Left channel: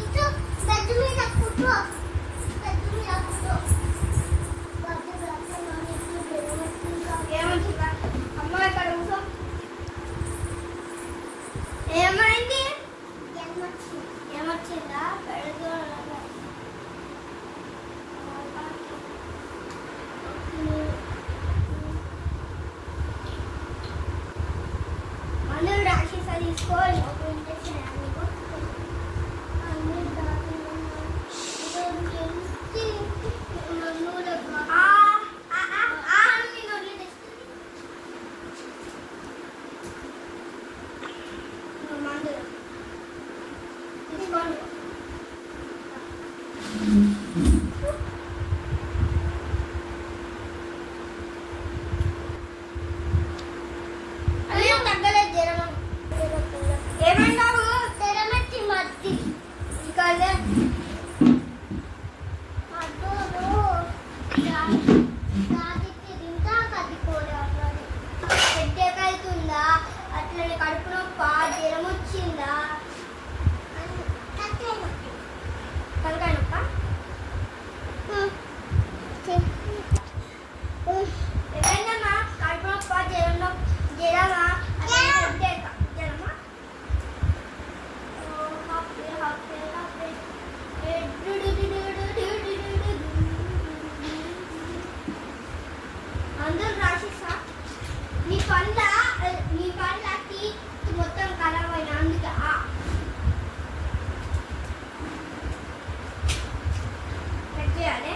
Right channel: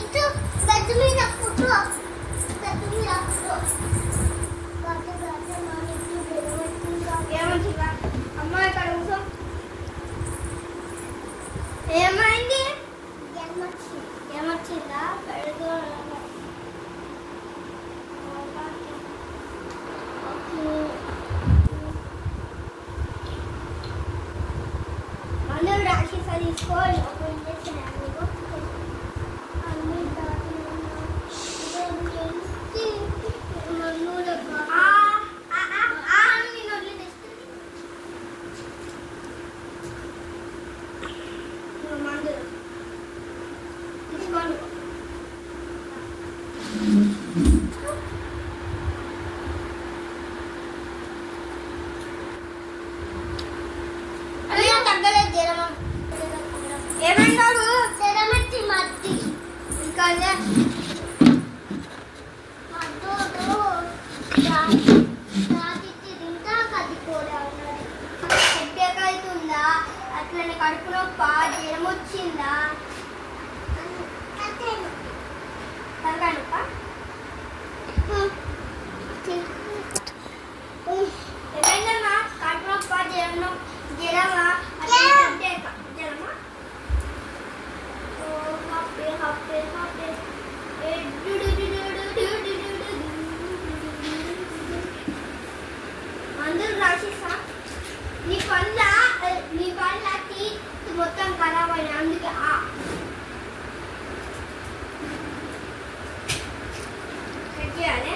ఇటు గడ్డి మీద పుట్టు గడ్డి మీద పుట్టు గడ్డి మీద మాని ఏమంటుందా అమ్మ ఇక్కడ కూర్చో ఏమైంది ఏమొచ్చిందా పెడుతూ అందరూ రాక్షస తీసుకోవాలి ఒక ఇంజక్షన్ ఏమన్నాడు తెరమెత్తి మట్టి ఇంకా తింటా కదిపోలే అన్నాడు పెద్దకైతుందా అట్లనే కడుపు నొప్ప జ్వరం వచ్చిందా తలకాయనొప్ప ఏమైందమ్మా కడుపు నొప్ప జ్వరమా అందరూ రాసేసా నీ పళ్ళకి మొత్తం ఖరాబ్ అయినా అందుకే చేయాలి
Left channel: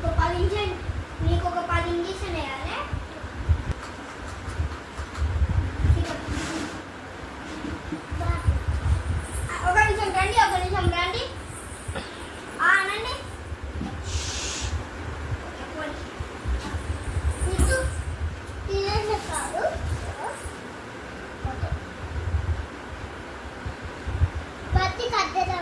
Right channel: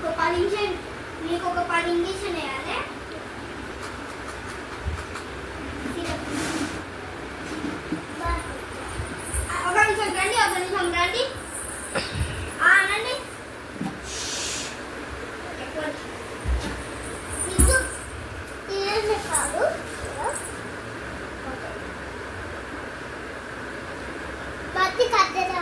ఒక 10 నిమిషాలు నీకు ఒక 10 ఇంజక్షన్ వేయాలి ఒక నిమిషం రండి అనండి బతి కట్టదా